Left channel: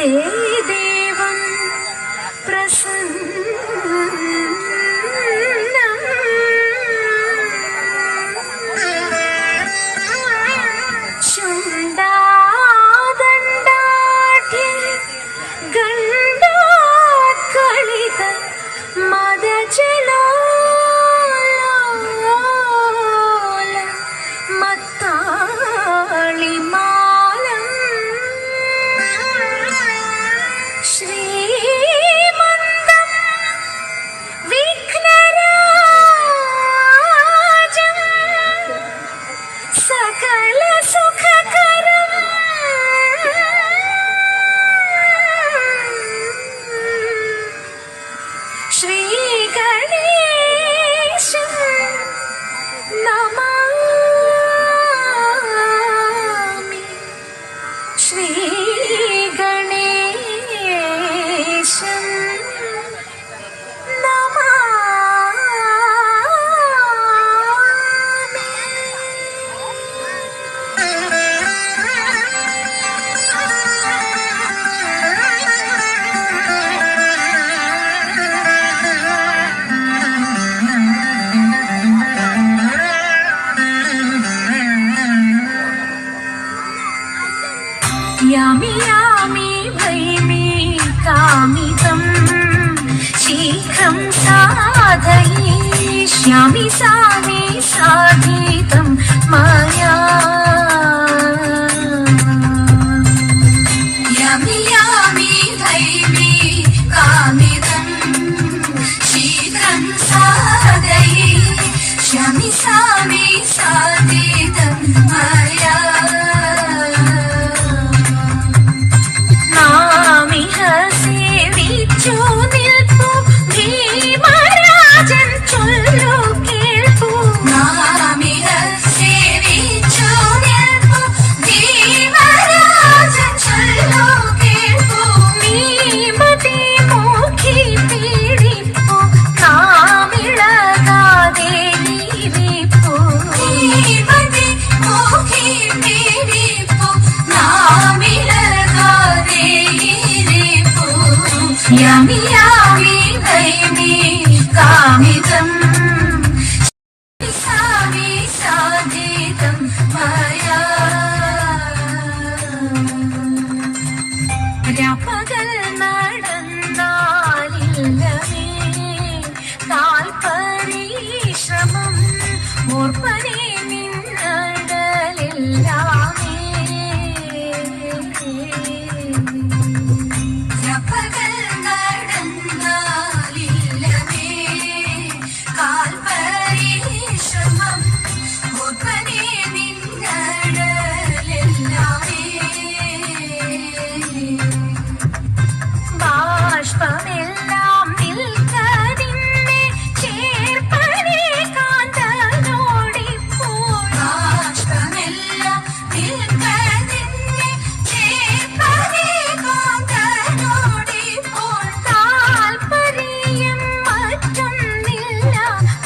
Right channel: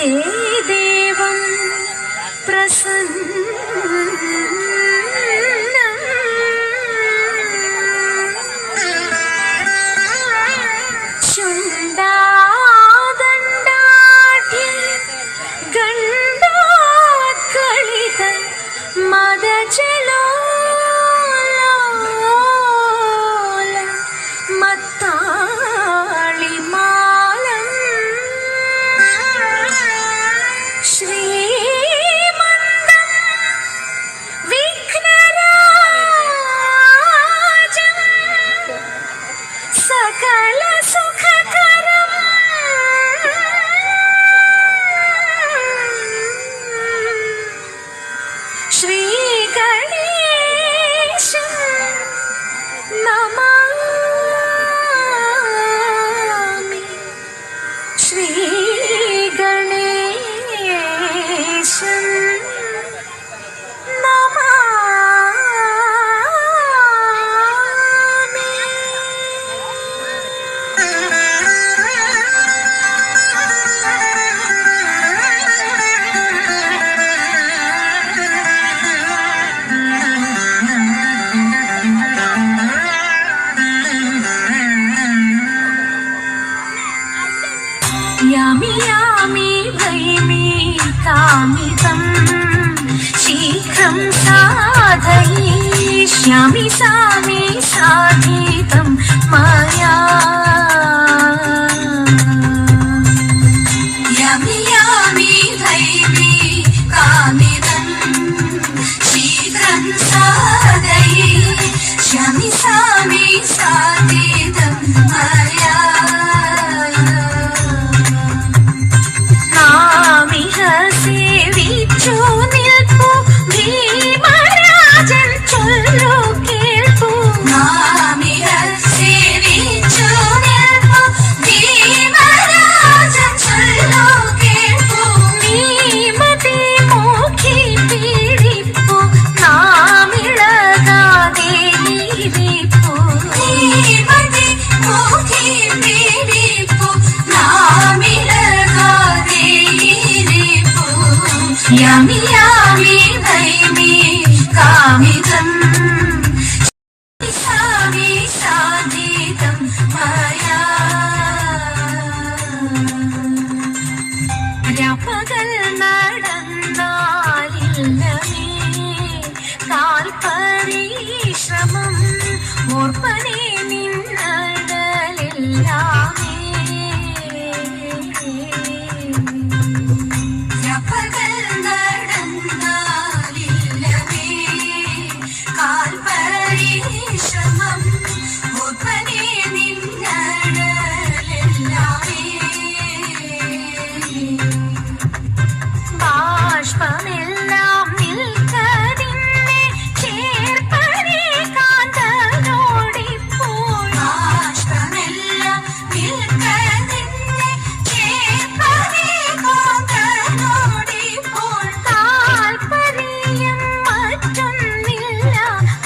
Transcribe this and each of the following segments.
देवं प्रसन्नं चुण्डादण्डाढ्य गण्डाकलित मदजलोल मत्ताळिमालं श्रीमन्दं विघ्नराजं सकलसुखकरं श्रीगणेशं नमामि श्रीगणेशं यामि यामि भैमि कामितं शीघ्रं साधयिष्यामि सामि साधितं मया यामि यामि भैमि कामितं शीघ्रं साधयिष्यामि सामि साधितं मया यामि यामि भैमि कामितं सामि साधितं मया രാപ്പകൽ നടന്നാലില്ലമേ താൽപരിശ്രമം ഓർപ്പനേ നിന്നടലെല്ലാമേ ബാഷ്പമെല്ലാം നിൽക്കതിന്നെ ചേർപ്പനേ കാന്തനോടിപ്പോൾ ബാഷ്പമെല്ലാം നിൽക്കതിന്നെ ചേർപ്പനേ കാന്തനോടിപ്പോൾ താൽപര്യം മറ്റൊന്നില്ല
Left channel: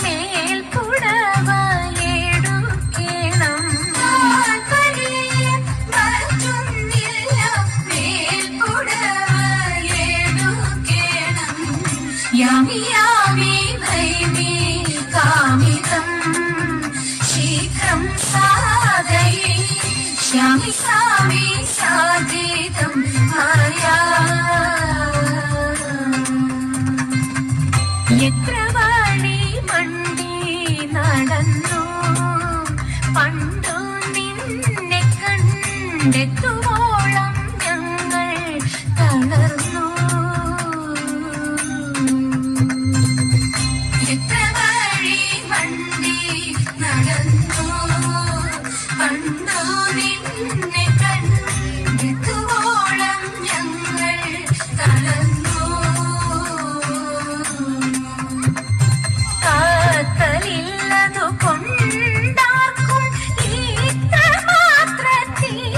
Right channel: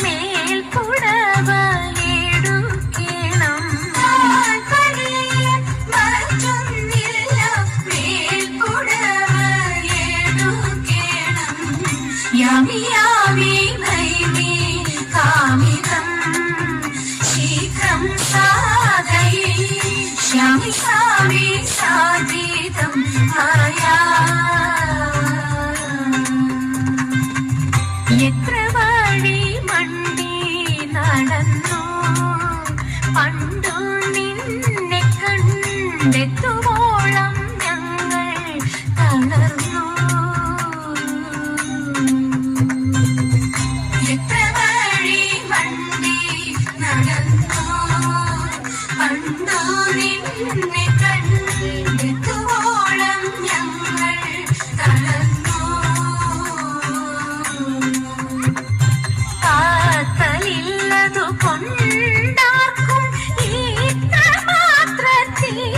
മേൽക്കുടവയെടുക്കണം താൽപര്യം മറ്റൊന്നില്ല यामि यामि भैमि कामितं शीघ्रं साधयिष्यामि सामि साधितं मया എത്ര വഴി മണ്ടി നടന്നു പണ്ടു നിന്നെ കണ്ടെത്തുവോളം ഞങ്ങൾ തളർന്നു നിന്നെ കണ്ടെത്തുവോളം ഞങ്ങൾ തളർന്നു കാത്തലില്ലതു കൊണ്ടാക്കും ഈത്ത മാത്രത്തിനെന്തുള്ളൂ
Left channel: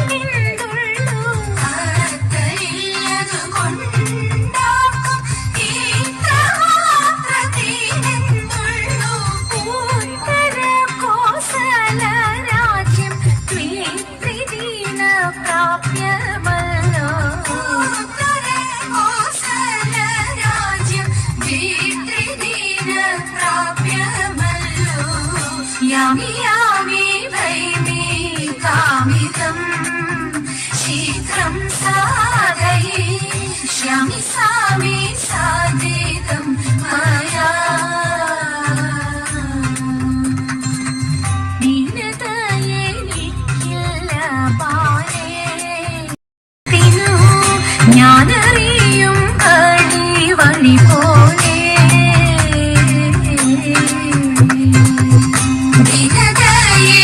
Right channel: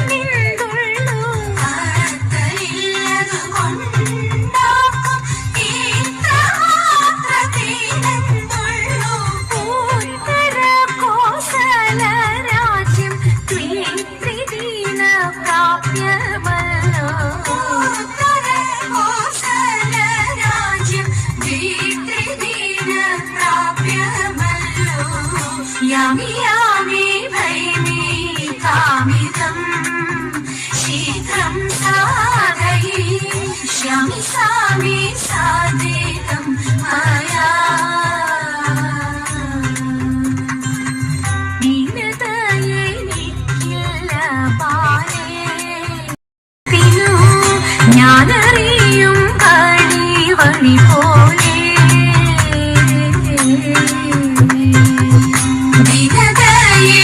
കാത്തലില്ലതു കൊണ്ടാക്കും ഈത്ത മാത്രത്തിനെന്തുള്ളൂ പൂത്തര കോസല രാജ്യം भैमि कामितं शीघ्रं साधयिष्यामि सामि साधितं मया ദീനതയെനിക്കില്ല ബാലേ ഞാനറിയും വഴി പോലെ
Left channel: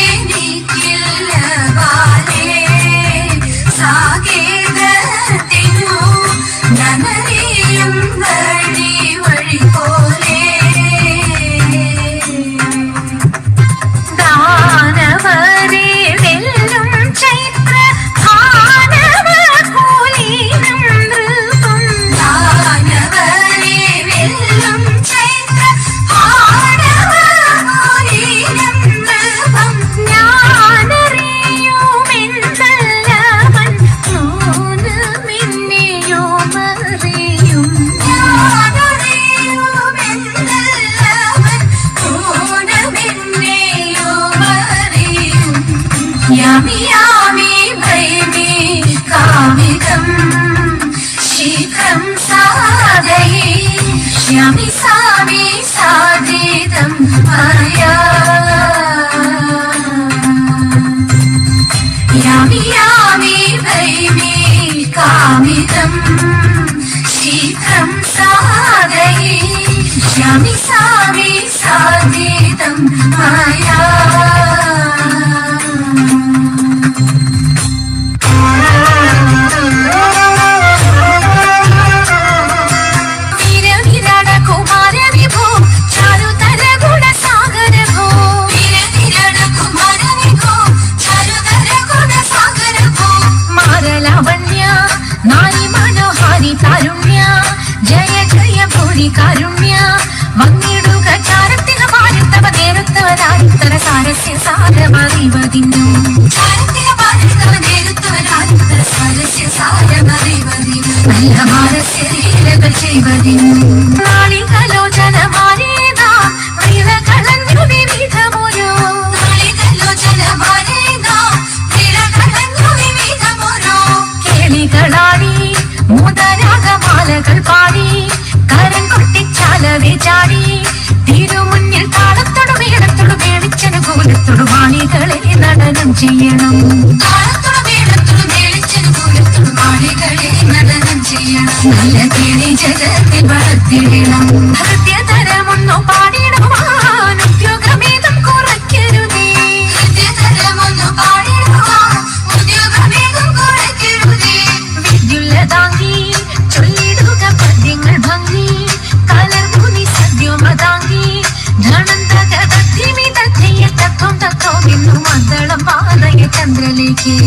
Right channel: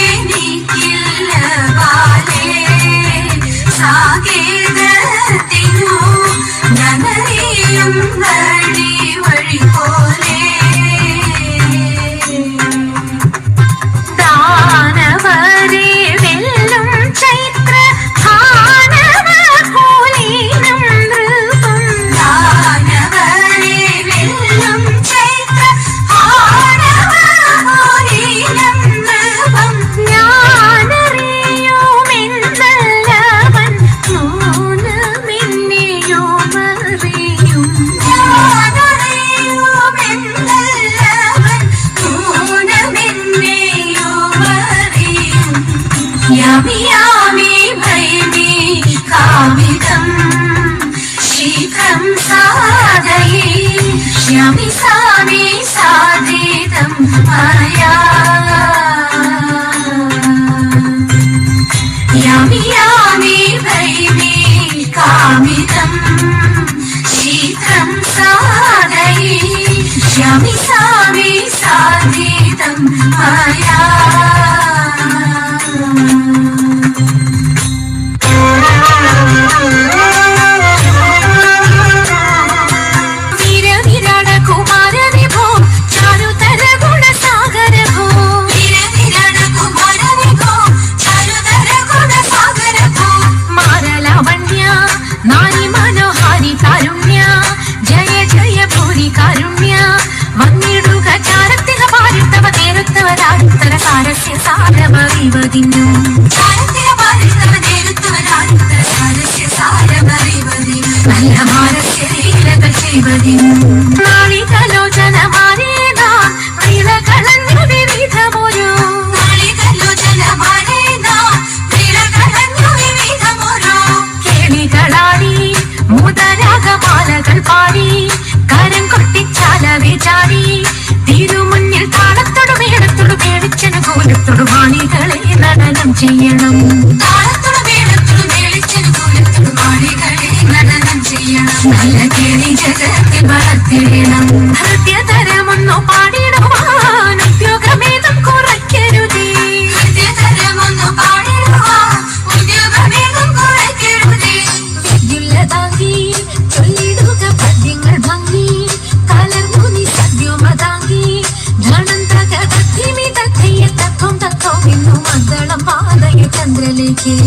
ദീനതയെനിക്കില്ല ബാലേ സാകേതത്തിനു ഞാനറിയും വഴി പോലെ ദാനവരെ വെല്ലും ചൈത്ര ഭാനവ കോലീനം നൃപം ദാനവരെ വെല്ലും ചൈത്ര ഭാനവ കോലീനം നൃപം ഞാനറിയുമെന്നല്ലവൻ നൂനമിന്നെയുമറിയും यामि यामि भैमि कामितं शीघ्रं साधयिष्यामि सामि साधितं मया यामि यामि भैमि कामितं शीघ्रं साधयिष्यामि सामि साधितं मया नारी मनोहारी कारुण्य जय जय भूरि कारुण्य वन्निडुग चारत्तिन पारितव देवत्तवरारुत्तर सारस्य सारमरिवदिनु चारत्तिन पारितव देवत्तवरारुत्तर सारस्य सारमरिवदिनु नल्लमारस्य लीलകൾ ചെയ്വതിनु നാളികലോചന മാനേനാ നീലകളഞ്ഞു വിവിധമോരോ നാളികലോചന മാനേനാ നീലകളഞ്ഞു വിവിധമോരോ കേളികളാടി മുതരാഗമാലകൾ പാടി കരം കൊട്ടിച്ചാല വിചാരി തിരുമുന്നിൽ താളത്തോടു മേളത്തോടു മേളിച്ചനുകൂലത്തോടു വാണികളെ നടനം ചെയ്യണം താളത്തോടു മേളത്തോടു മേളിച്ചനുകൂലത്തോടു വാണികളെ നടനം ചെയ്യണം നല്ല കിളി ജഗത്തിൽ വളർത്തിടണം ഹൃദയതരമൊന്നു പാടിയിടുവാൻ ഉദ്യോഗമേതം കുറയ്ക്കരുതേ ഹൃദയതരമൊന്നു പാടിയിടുവാൻ ഉദ്യോഗമേതം കുറയ്ക്കരുതേ വിദ്യുല്ലതാങ്കി ചൊല്ലിടുക പദ്യങ്ങൾ ഭംഗി കലർമുനി സദ്യോമതാങ്കി ജണന്തക തത്തിമി തത്തയ്യ തത്വം തക്കോ നിന്നു മംഗളം പാതയ ചന്ദ്രലേക്ക്